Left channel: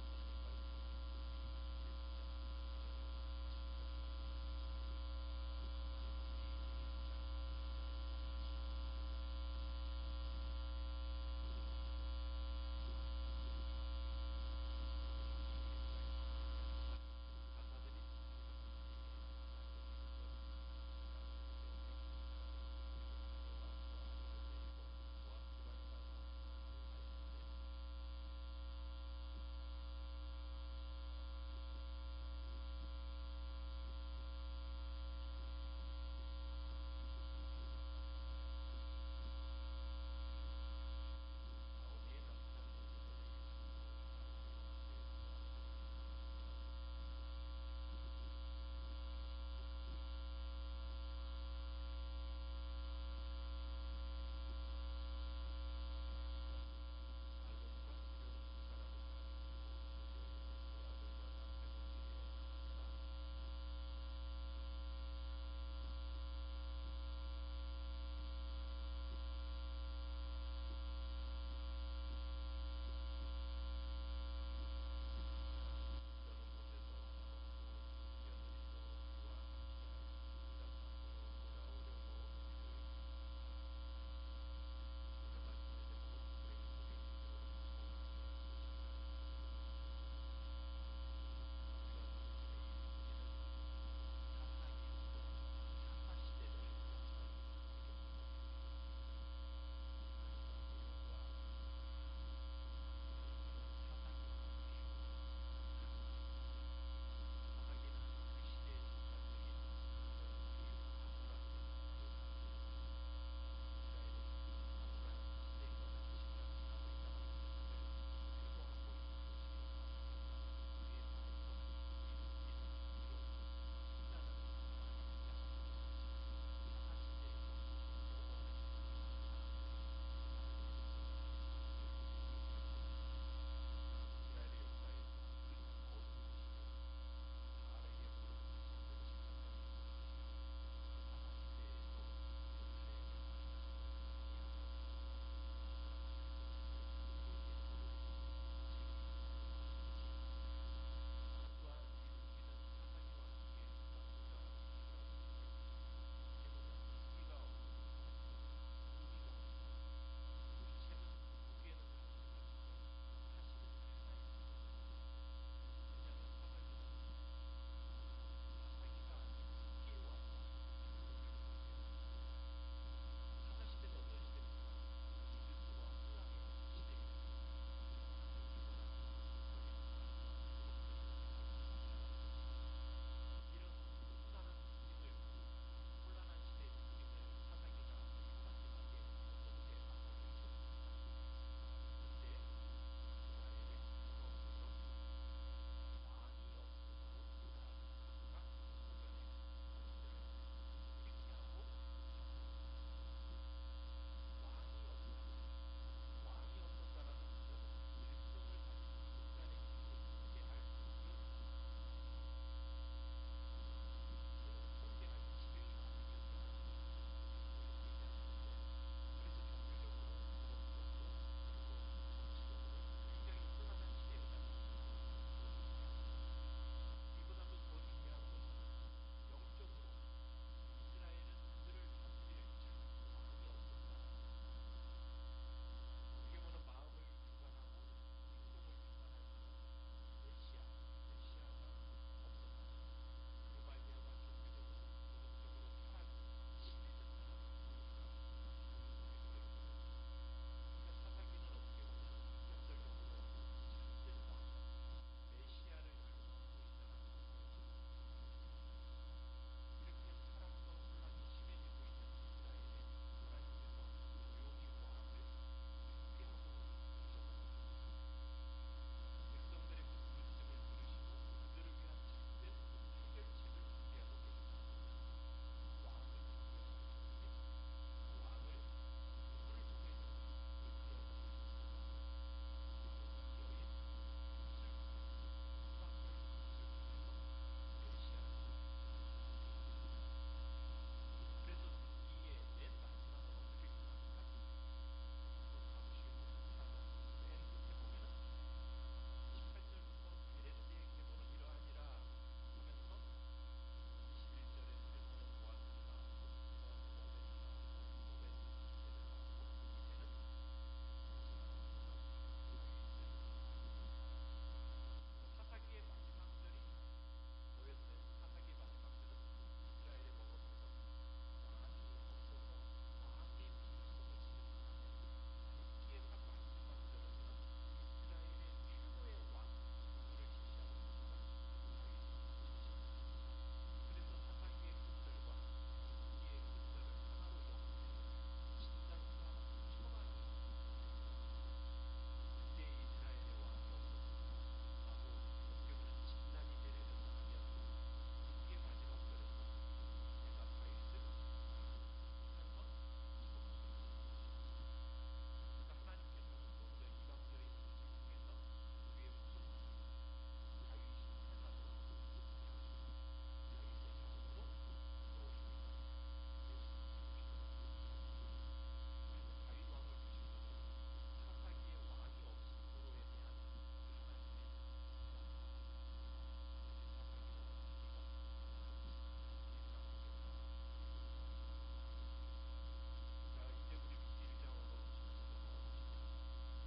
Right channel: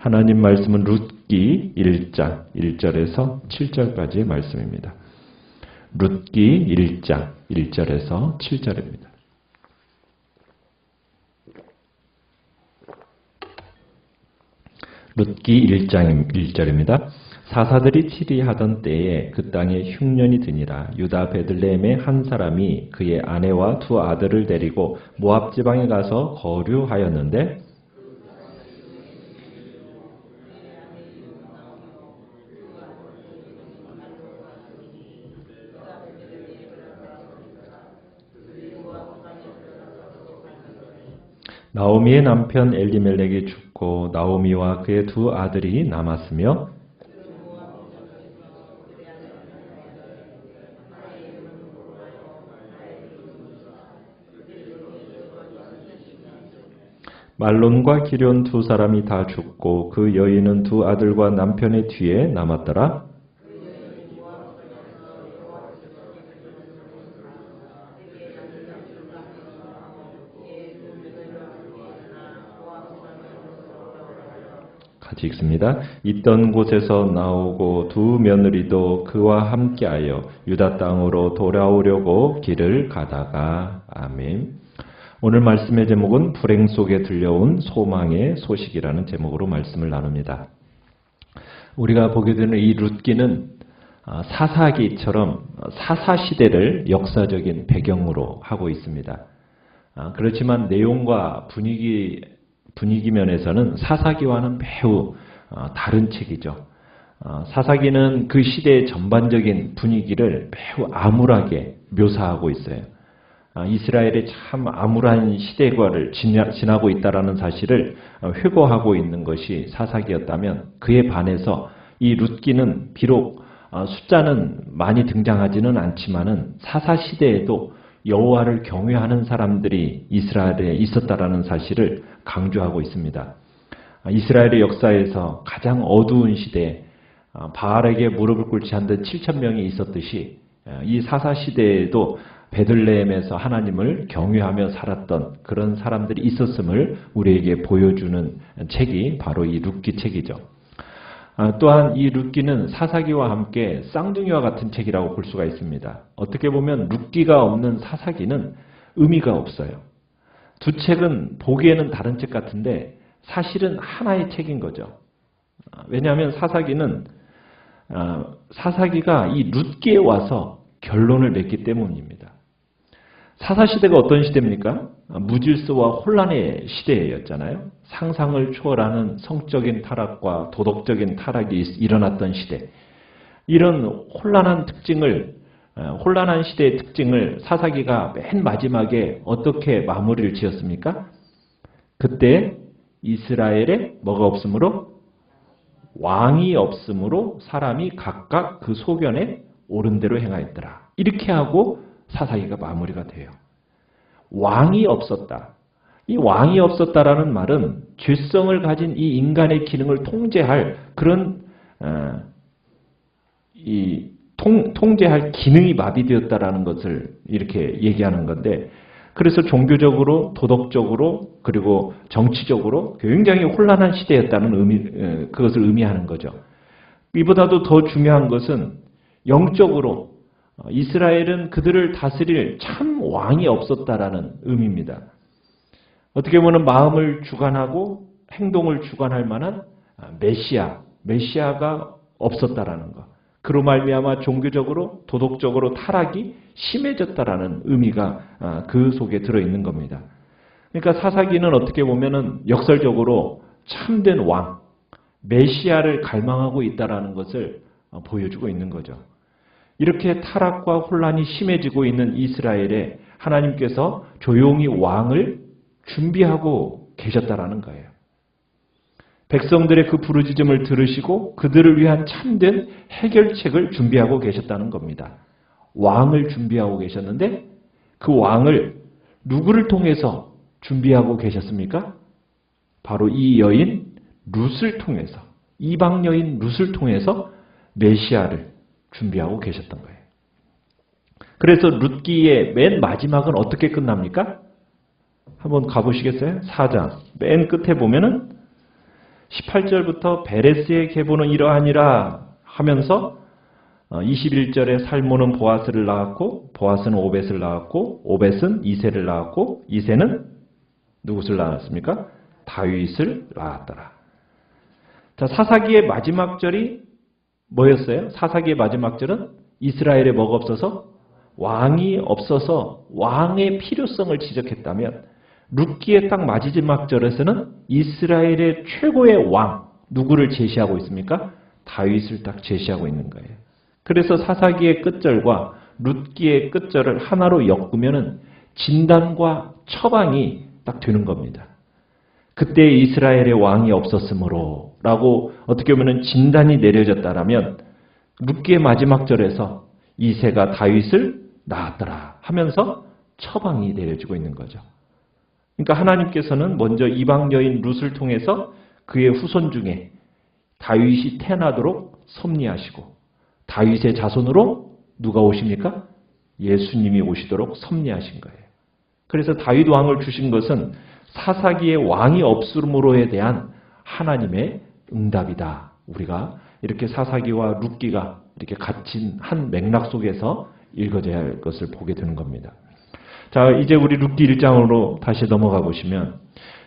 하나님 말씀은 룻기 1장 1절에서 7절까지의 말씀입니다. 룻기 1장 1절에서 7절입니다. 룻기 1장 1절입니다. 사사들이 치리하던 때에 그 땅에 흉년이 드니라. 유다 베들레헴의 한 사람이 그의 아내와 두 아들을 데리고 모압 지방에 가서 거류하였는데 나오미의 남편 엘리멜렉이 죽고 나오미와 그의 두 아들이 남았으며 말론과 기럨 두 사람이 다 죽고 그 여인은 두 아들과 남편의 뒤에 남았더라. 같이 읽습니다. 있던 곳에서 나오고 두 며느리도 그와 함께하여 유다 땅으로 돌아오려고 길을 가다가. 아멘. 오늘 말씀의 제목은 불행 속에 들려온 소망의 소식이라는 제목으로 말씀을 나눕니다. 우리가 보게 되는 이 룻기는 사사기처럼 사사시대를 역사적인 배경으로 하고 있습니다. 그렇지만 내용과 분위기 면에서는 사사기와는 매우 다른 책이죠. 사사기는 그 시대의 전반적인 분위기를 매우 암울하게 묘사하고 있어요. 이스라엘이 참 암울한 시대과를 지나고 있다는 사실을 회고하고 있는 것이 사사기였다면 그에 반해서 이 룻기는 비록 숫자는 많이 등장하지는 않지만은 사사시대에도 여호와를 경외하는 사람들이 이스라엘에 있었다라는 사실을 강조하고 있습니다. 이스라엘의 역사에서 가장 어두운 시대에 바알에게 무릎을 꿇지 않던 7,000명이 있었듯이 이 사사시대에도 베들레헴에서 하나님을 경외하며 살았던 그런 사람들이 있었음을 우리에게 보여주는 책이 바로 이 룻기 책이죠. 또한 이 룻기는 사사기와 함께 쌍둥이와 같은 책이라고 볼 수가 있습니다. 어떻게 보면 룻기가 없는 사사기는 의미가 없어요. 두 책은 보기에는 다른 책 같은데 사실은 하나의 책인 거죠. 왜냐하면 사사기가 이 룻기에 와서 결론을 맺기 때문입니다. 사사시대가 어떤 시대입니까? 무질서와 혼란의 시대였잖아요. 상상을 초월하는 성적인 타락과 도덕적인 타락이 일어났던 시대. 이런 혼란한 시대의 특징을 사사기가 맨 마지막에 어떻게 마무리를 지었습니까? 그때 이스라엘에 뭐가 없으므로? 왕이 없으므로 사람이 각각 그 소견에 옳은 대로 행하였더라. 이렇게 하고 사사기가 마무리가 돼요. 왕이 없었다. 이 왕이 없었다라는 말은 죄성을 가진 이 인간의 기능을 통제할 그런 통제할 기능이 마비되었다라는 것을 이렇게 얘기하는 건데, 그래서 종교적으로, 도덕적으로, 그리고 정치적으로 굉장히 혼란한 시대였다는 그것을 의미하는 거죠. 이보다도 더 중요한 것은 영적으로 이스라엘은 그들을 다스릴 참 왕이 없었다라는 의미입니다. 어떻게 보면 마음을 주관하고 행동을 주관할 만한 메시아가 없었다라는 것. 그로 말미암아 종교적으로 도덕적으로 타락이 심해졌다라는 의미가 그 속에 들어있는 겁니다. 그러니까 사사기는 어떻게 보면은 역설적으로 참된 왕, 메시아를 갈망하고 있다라는 것을 보여주고 있는 거죠. 이렇게 타락과 혼란이 심해지고 있는 이스라엘에 하나님께서 조용히 왕을 준비하고 계셨다라는 거예요. 백성들의 그 부르짖음을 들으시고 그들을 위한 참된 해결책을 준비하고 계셨다는 겁니다. 왕을 준비하고 계셨는데 그 왕을 누구를 통해서 준비하고 계셨습니까? 바로 이 여인 룻을 통해서, 이방 여인 룻을 통해서 메시아를 준비하고 계셨던 거예요. 그래서 룻기의 맨 마지막은 어떻게 끝납니까? 한번 가보시겠어요? 4장 맨 끝에 보면은 18절부터 베레스의 계보는 이러하니라 하면서 21절에 살몬은 보아스를 낳았고 보아스는 오벳을 낳았고 오벳은 이새를 낳았고 이새는 누구를 낳았습니까? 다윗을 낳았더라. 자, 사사기의 마지막 절이 뭐였어요? 사사기의 마지막 절은 이스라엘에 뭐가 없어서? 왕이 없어서 왕의 필요성을 지적했다면 룻기의 딱 마지막 절에서는 이스라엘의 최고의 왕 누구를 제시하고 있습니까? 다윗을 딱 제시하고 있는 거예요. 그래서 사사기의 끝절과 룻기의 끝절을 하나로 엮으면은 진단과 처방이 딱 되는 겁니다. 그때 이스라엘의 왕이 없었으므로 라고 어떻게 보면 진단이 내려졌다라면 룻기의 마지막 절에서 이새가 다윗을 낳았더라 하면서 처방이 내려지고 있는 거죠. 그러니까 하나님께서는 먼저 이방 여인 룻을 통해서 그의 후손 중에 다윗이 태어나도록 섭리하시고 다윗의 자손으로 누가 오십니까? 예수님이 오시도록 섭리하신 거예요. 그래서 다윗 왕을 주신 것은 사사기의 왕이 없음으로에 대한 하나님의 응답이다. 우리가 이렇게 사사기와 룻기가 이렇게 갇힌 한 맥락 속에서 읽어져야 할 것을 보게 되는 겁니다. 자, 이제 우리 룻기 1장으로 다시 넘어가 보시면,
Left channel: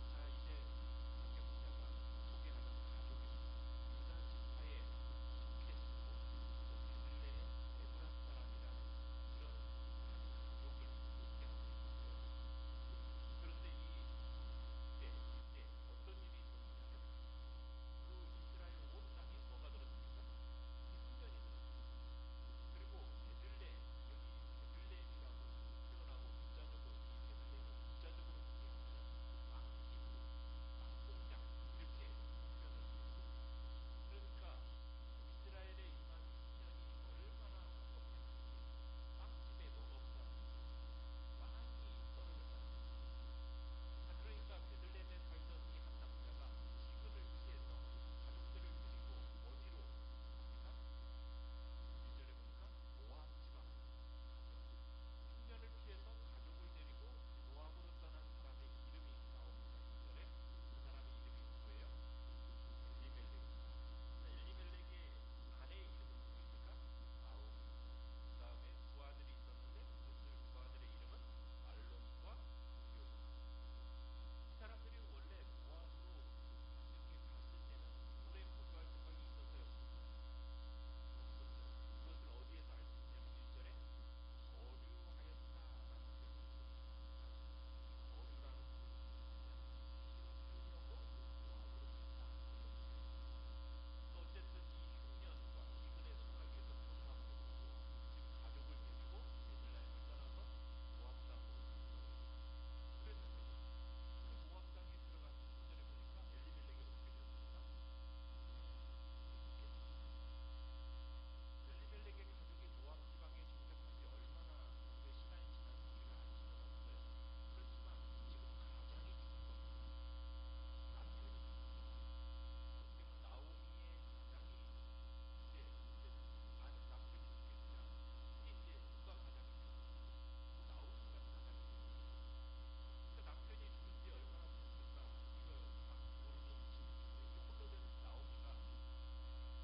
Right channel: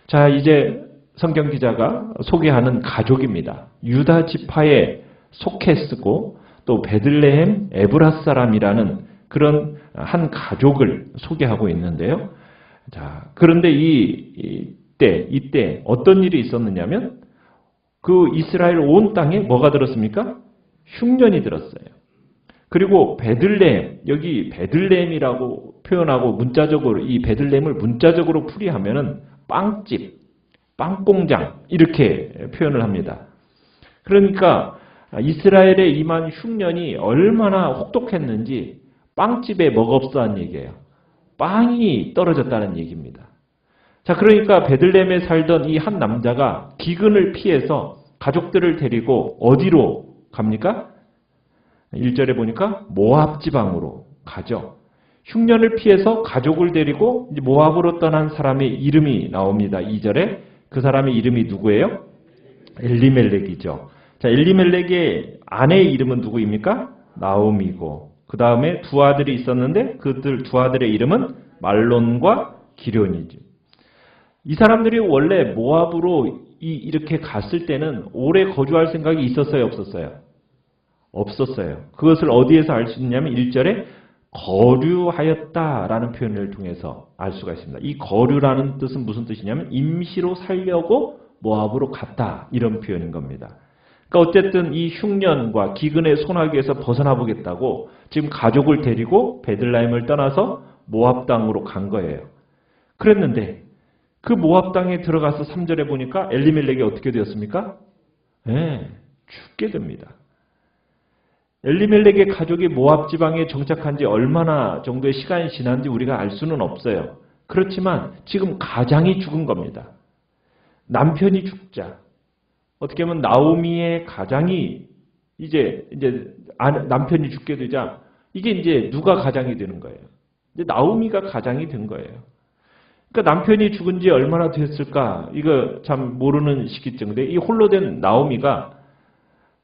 자, 이제 성경 기자가 소개하는 가족입니다. 유다 지파에 속해 쓰고 또 베들레헴 에브라 사람이라는 그런 한 가족을 소개하고 있는데요. 자, 그런데 이때 어떤 일이 있었느냐면 그 이스라엘 온 땅에 뭐가 들었습니까? 흉년이 들었어요. 그리고 베들레헴, 여기 베들레헴이라고 표현하고 문자적으로 이 베들레헴을 문자적으로 풀이하면은 빵집, 빵공장 이렇게 표현을 합니다. 그러니까 이스라엘에 임한 흉년이 얼마나 혹독했는지 빵집에 뭐가 없었다는 얘기예요. 빵이 떨어졌다는 얘기입니다. 자, 그러니까 베들레헴에 살던 이 한 남자가 기근을 피해서 가족들을 데리고 어디로 갑니까? 1절에 보니까 모압 지방으로 가죠. 흉년을 피해서 가족을 데리고 모압으로 떠난 사람의 이름이 나옵니다. 2절에 그 사람의 이름이 누구예요? 엘리멜렉이죠. 자, 엘리멜렉의 아내의 이름은 누구입니까? 나오미고 그 다음에 두 아들이 있었는데 그들 두 아들의 이름은 말론과 기련이죠. 이 사람들이 원래 모압으로 이렇게 갔을 때는 오래 거주할 생각이 있었어요? 없었어요? 없었어요. 그것을 어디에서 알 수 있냐면 1절에 거류하였다라는 표현을 통해서 알 수가 있습니다. 이 거류라는 뜻은 무슨 뜻이냐면 임시로 살려고 모압으로 갔다 이런 표현인 겁니다. 그러니까 어쨌든 이 흉년과 기근의 소나기에서 벗어나 보겠다고 지금 가족을 데리고 베들레헴을 떠나서 모압 땅으로 간 거예요. 그랬는데 그 모압 땅에 들어가서 3절에 보니까 엘리멜렉이 어떻게 되었습니까? 네, 죽게 됩니다. 엘리멜렉의 가족이 모압 지방에 정착한 지 얼마나 정도의 시간이 지난지 우리가 알 수는 없어요. 그렇지만 지금 가장이 죽은 겁니다. 남편이 죽자. 어떻게 보면 나오미의 가장이 이제 남편이 죽게 되자 이게 이제 누가 가장이 되는 거예요? 이제 나오미가 가장이 된 거예요. 그러니까 남편이 죽은 지 얼마나 됐을까? 이거 참 모르는 시기쯤인데 이 홀로 된 나오미가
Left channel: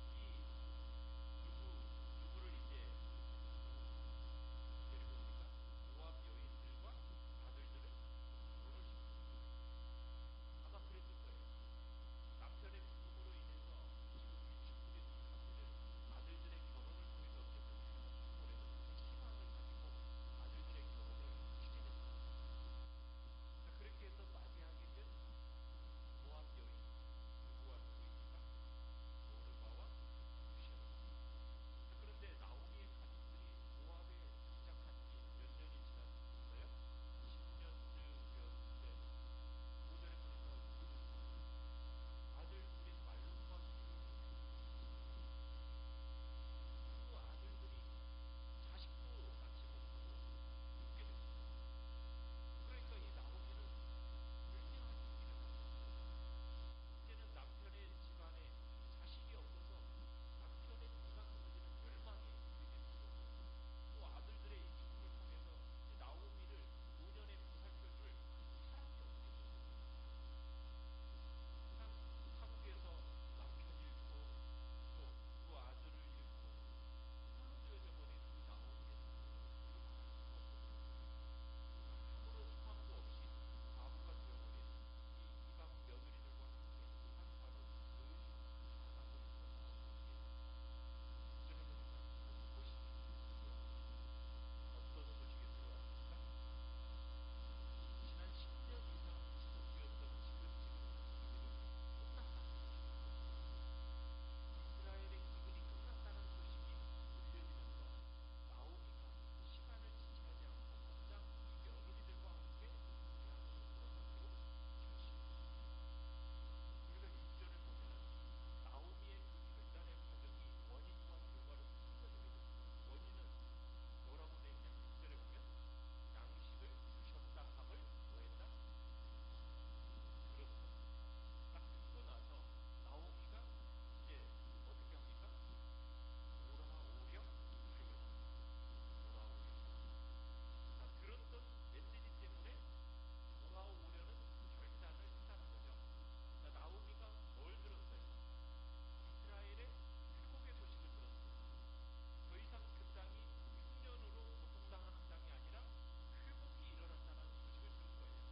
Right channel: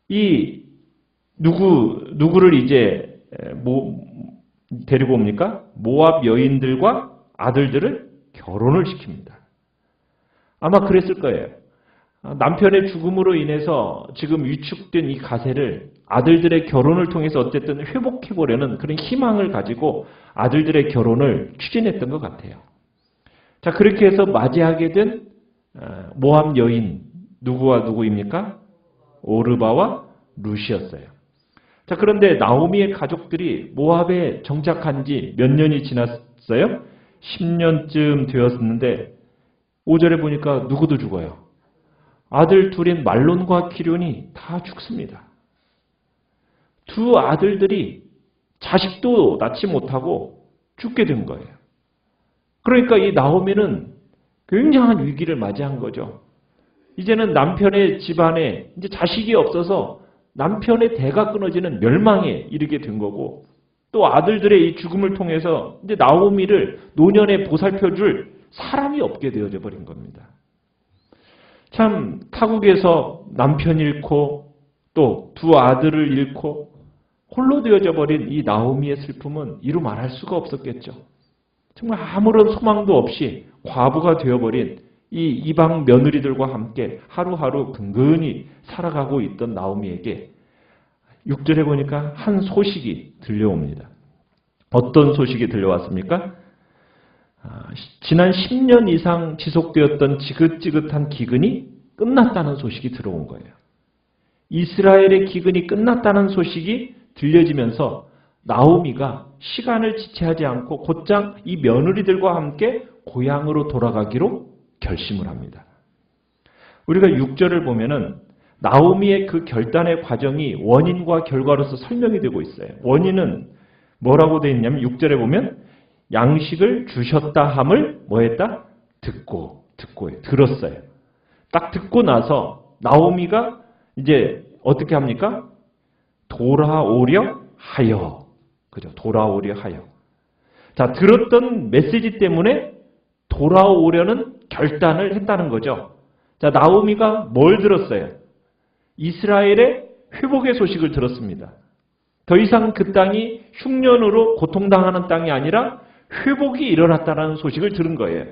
이 누구를 이제 데리고 옵니까? 모압 여인들과 아들들을 결혼을 시킵니다. 아마 그랬을 거예요. 남편의 죽음으로 인해서 지금 위축된 이 가세를 아들들의 결혼을 통해서 어쨌든 회복해보려는 그런 희망을 가지고 아들들의 결혼을 추진했던 것 같아요. 자, 그렇게 해서 맞이하게 된 모압 여인 누구와 누구입니까? 오르바와 룻이었어요. 자, 그런데 나오미의 가족들이 모압에 정착한 지 몇 년이 지났어요? 10년쯤 되었는데 5절에 보니까 누구도 죽어요. 아들 둘인 말론과 기련이 다 죽습니다. 두 아들들이 자식도 낳지 못하고 죽게 된 거예요. 그러니까 이 나오미는 굉장한 위기를 맞이한 거죠. 이제는 남편의 집안에 이제 자식이 없어서 남편의 대가 끊어지는 멸망에 이르게 된 거고 또 아들들의 이 죽음을 통해서 이제 나오미를 노년에 보살펴줄 사람이 없게 되어져 버린 겁니다. 참 타국에서 남편 잃고 또 두 아들을 잃고 홀로 되어져 버린 이 나오미의 슬픔은 이루 말할 수가 없었겠죠. 정말 아무런 소망도 없이 과부가 되어버린 이 이방 며느리들과 함께 하루하루 근근히 살아가고 있던 나오미에게 6절에 보니까 한 소식이 들려옵니다. 어떤 소식이 들려왔습니까? 지난 10년 이상 지속되었던 지긋지긋한 기근이 끝났다는 소식이 들어온 거예요. 이스라엘의 기근이 끝났다는 소식이 들려지면서 나오미가 시간을 지체하지 않고 곧장 이 며느리들과 함께 고향으로 돌아가기로 결심을 합니다. 우리가 6절을 보면은 나오미의 그 결단의 과정이 원인과 결과로서 설명이 되고 있어요. 원인은 뭐라고 되어 있냐면 6절에 보면 양식을 주셨다 함을 뭐 했다? 듣고 들었어요. 딱 듣고 나서 나오미가 이제 어떻게 합니까? 돌아오려 하여. 그죠? 돌아오려 하여. 자, 들었던 메시지 때문에 돌아오려는 결단을 했다는 거죠. 자, 나오미가 뭘 들었어요? 이스라엘의 회복의 소식을 들었습니다. 더 이상 그 땅이 흉년으로 고통당하는 땅이 아니라 회복이 일어났다는 소식을 들은 거예요.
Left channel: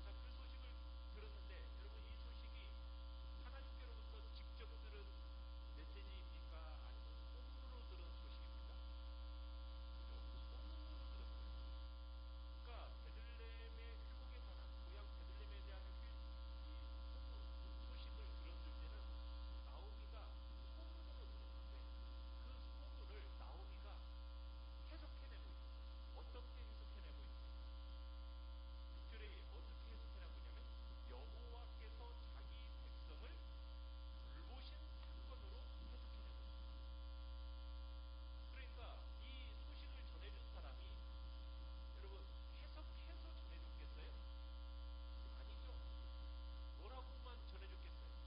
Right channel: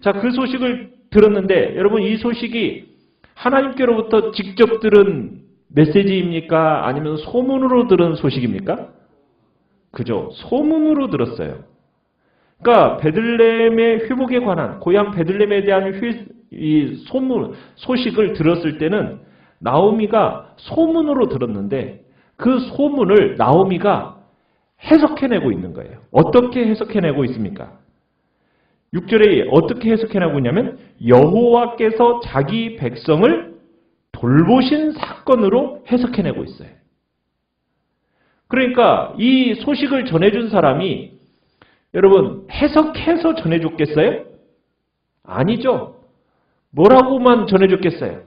자, 그 소식을 들었는데 여러분 이 소식이 하나님께로부터 직접 들은 메시지입니까? 아니면 소문으로 들은 소식입니까? 그죠? 소문으로 들었어요. 그러니까 베들레헴의 회복에 관한 고향 베들레헴에 대한 이 소식을 들었을 때는 나오미가 소문으로 들었는데 그 소문을 나오미가 해석해내고 있는 거예요. 어떻게 해석해내고 있습니까? 6절에 어떻게 해석해내고 있냐면 여호와께서 자기 백성을 돌보신 사건으로 해석해내고 있어요. 그러니까 이 소식을 전해준 사람이 여러분 해석해서 전해줬겠어요? 아니죠. 뭐라고만 전해줬겠어요?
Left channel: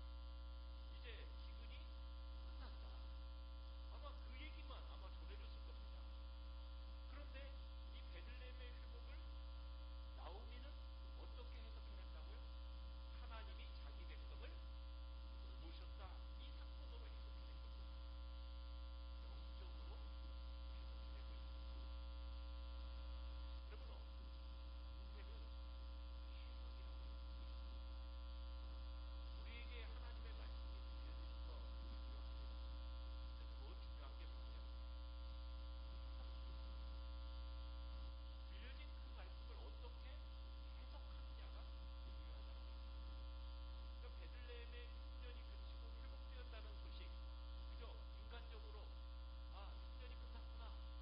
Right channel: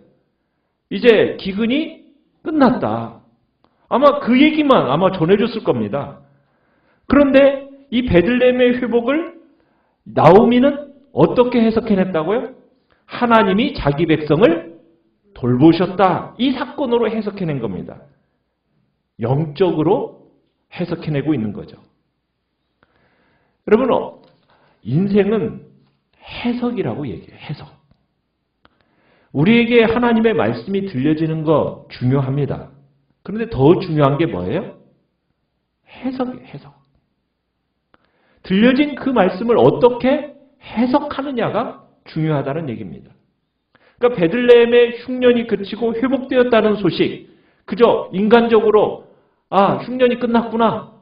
이제 기근이 끝났다. 아마 그 얘기만 아마 전해줬을 겁니다. 그런데 이 베들레헴의 회복을 나오미는 어떻게 해석해냈다고요? 하나님이 자기 백성을 돌보셨다. 이 사건으로 해석해낸 겁니다. 영적으로 해석해내고 있는 거죠. 여러분, 인생은 해석이라고 얘기해요. 해석. 우리에게 하나님의 말씀이 들려지는 거 중요합니다. 그런데 더 중요한 게 뭐예요? 해석이에요. 해석. 들려진 그 말씀을 어떻게 해석하느냐가 중요하다는 얘기입니다. 그러니까 베들레헴의 흉년이 그치고 회복되었다는 소식, 그저 인간적으로 흉년이 끝났구나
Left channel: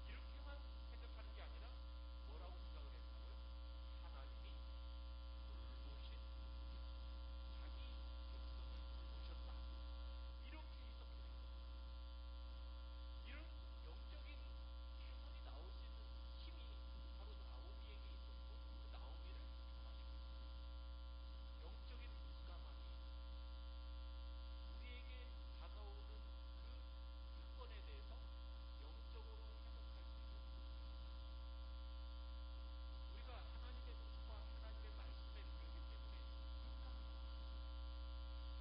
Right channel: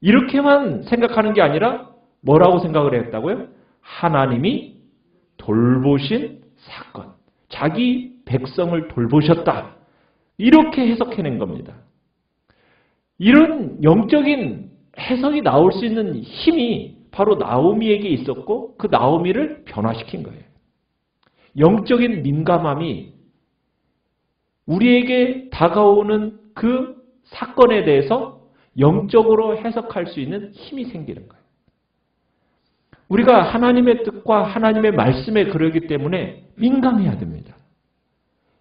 이렇게만 생각하는 게 아니라 뭐라고 생각을 했다고요? 하나님이 돌보신 사건, 자기 백성을 돌보셨다 이렇게 해석해낸 겁니다. 이런 영적인 해석이 나올 수 있는 힘이 바로 나오미에게 있었고 그 나오미를 변화시킨 거예요. 영적인 민감함이 우리에게 다가오는 그 사건에 대해서 영적으로 해석할 수 있는 힘이 생기는 거예요. 우리가 하나님의 뜻과 하나님의 말씀에 그러기 때문에 민감해야 됩니다.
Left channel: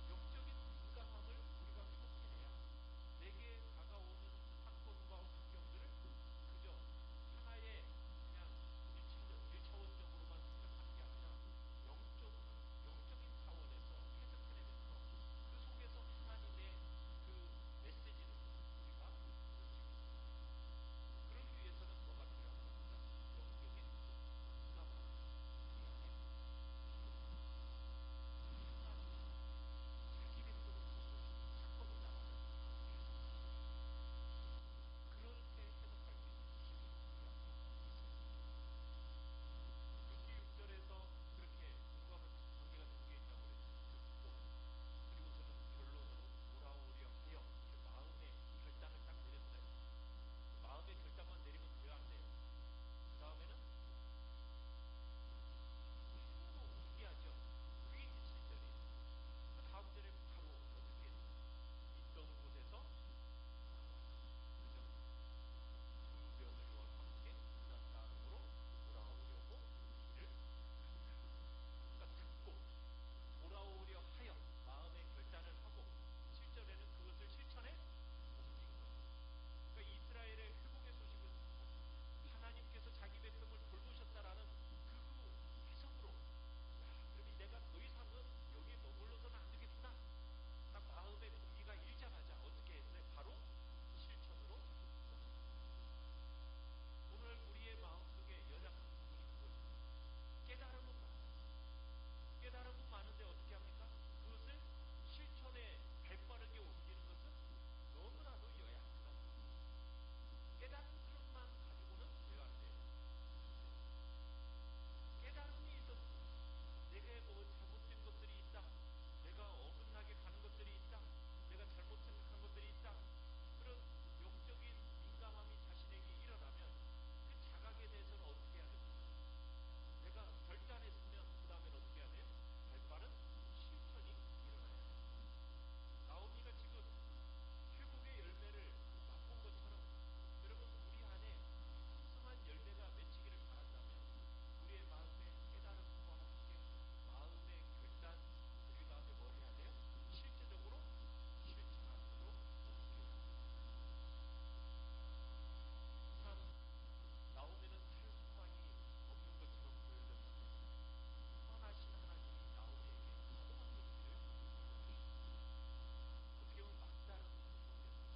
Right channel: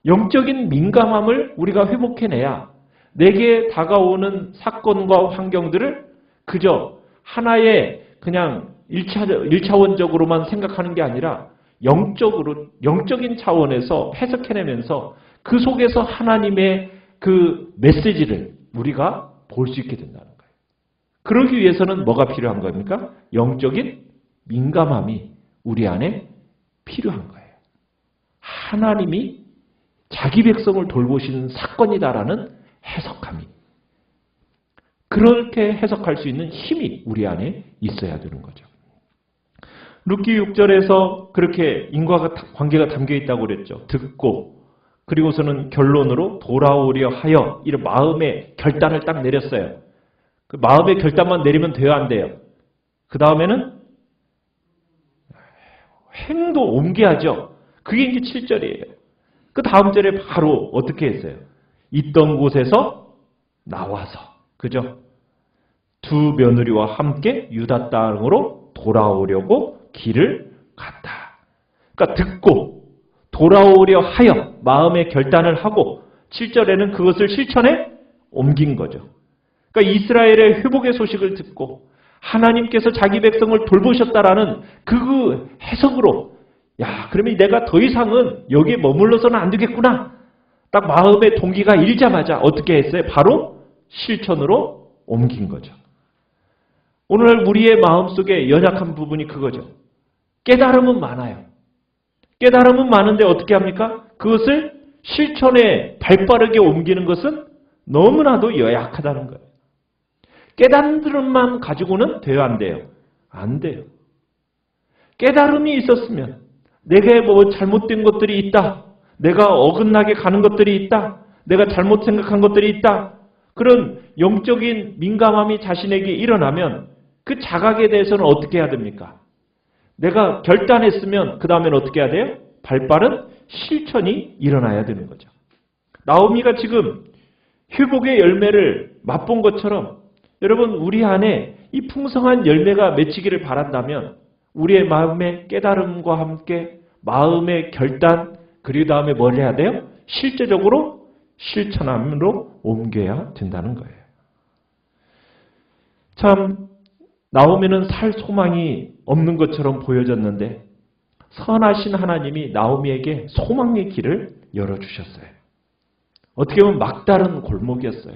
영적인 민감함을 우리가 회복해내야 내게 다가오는 사건과 환경들을 그저 하나의 그냥 1차원적으로만 생각하는 게 아니라 영적인 차원에서 해석해내면서 그 속에서 하나님의 그 메시지를 우리가 볼 수 있게 된다는 거예요. 그러기 위해서는 뭐가 필요한 겁니까? 영적인 민감함이 우리 안에 필요한 거예요. 하나님이 자기 백성을 돌보시는 사건이다라는 해석함이. 그렇게 해석할 수 있는 힘이 우리 안에 있어야 되는 거죠. 룻기 6절에서 그렇게 인과 관계가 담겨 있다고 그랬죠. 듣고 그리고서는 결론으로 돌아오려 하여 이런 마음의 결단을 딱 내렸어요. 그 마음의 결단만 내리면 돼요, 안 돼요? 그 다음에는 행동 옮겨야죠. 그게 이제 7절이에요. 그 다음 절에 바로 어떻게 했어요? 있던 곳에서 나와서, 그죠? 두 며느리와 함께 유다 땅으로 돌아오려고 길을 갔다. 그러니까 듣고 돌아오려 하여 마음의 결단을 하고 7절에는 그것을 실천에 옮긴 거죠. 그러니까 이스라엘의 회복의 소식을 듣고 하나님께서 자기 백성을 돌보셨다라는 그 해석으로 야, 그러면 내가 더 이상은 여기에 머물러서는 안 되겠구나. 딱 마음의 동기가 일자마자 어떻게 했어요? 바로 실천으로 옮긴 거죠. 오늘날 우리의 마음속에 연약한 부분이 그거죠. 깨달음은 많아요. 깨달음은 많은데 어떻게 합니까? 그것을 실천에 발빠르게 옮기는 것은 너무나도 연약하다는 거예요. 깨달음만 가지고는 돼요, 안 돼요? 안 돼요. 깨달음이 있었으면 내게 뭐 잘못된 것들이 있다. 내가 어긋나게 가는 것들이 있다. 내가 잘못 생각한 것들이 있다. 그런 영적인 민감함이 자신에게 일어나면 그 자각에 대해서는 어떻게 해야 됩니까? 내가 결단했으면 그 다음에는 어떻게 해야 돼요? 발빠른 실천이 일어나야 되는 거죠. 나오미가 지금 회복의 열매를 맛본 것처럼 여러분 우리 안에 이 풍성한 열매가 맺히기를 바란다면 우리의 마음의 깨달음과 함께 마음의 결단 그리고 다음에 뭘 해야 돼요? 실제적으로 실천함으로 옮겨야 된다는 거예요. 참 나오미는 살 소망이 없는 것처럼 보여졌는데 선하신 하나님이 나오미에게 소망의 길을 열어주셨어요. 어떻게 보면 막다른 골목이었어요.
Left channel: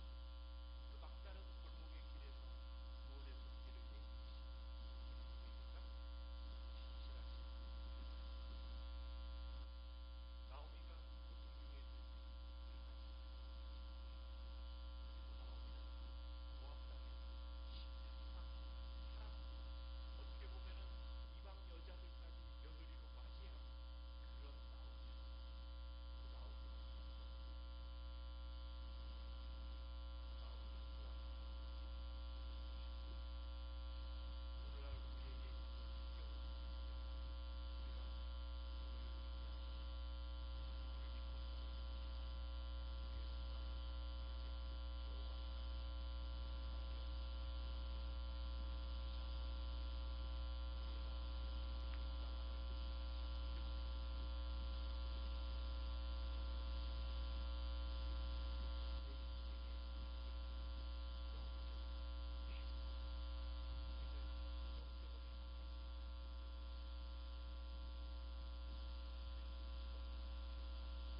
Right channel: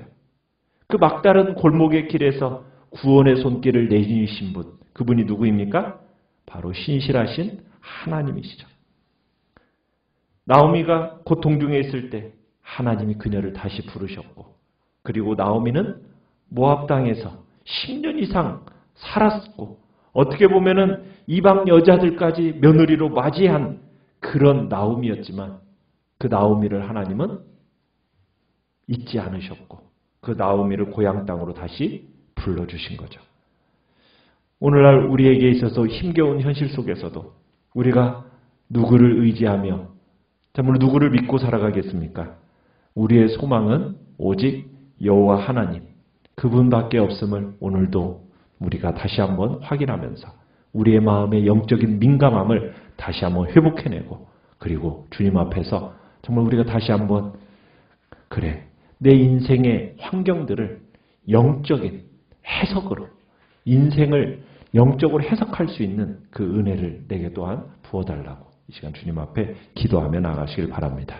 그 막다른 골목의 길에서 구원의 손길을 내미신 분, 그분이 누구입니까? 바로 신실하신 하나님이시죠. 나오미가 고통 중에 있을 때 하나님이 그녀를 다시 부르셨고, 그리고 나오미는 모압 땅에서 10년 이상 살았고, 어떻게 보면은 이방 여자들까지 며느리로 맞이한 그런 나오미였지만 그 나오미를 하나님은 잊지 않으셨고 그 나오미를 고향 땅으로 다시 불러주신 거죠. 오늘날 우리에게 있어서 힘겨운 현실 속에서도 우리가 누구를 의지하며 정말 누구를 믿고 살아가겠습니까? 우리의 소망은 오직 여호와 하나님 그분밖에 없음을 오늘도 우리가 다시 한번 확인하면서 우리의 마음의 영적인 민감함을 다시 한번 회복해내고 그리고 주님 앞에서 정말 우리가 다시 한번 그래 내 인생의 환경들을 영적인 해석으로 인생을 영적으로 해석할 수 있는 그 은혜를 내게 또한 부어달라고 이 시간 주님 앞에 기도하며 나가시길 바랍니다.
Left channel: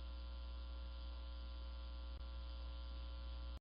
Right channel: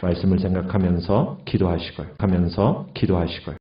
말씀을 생각하면서 기도하시고요.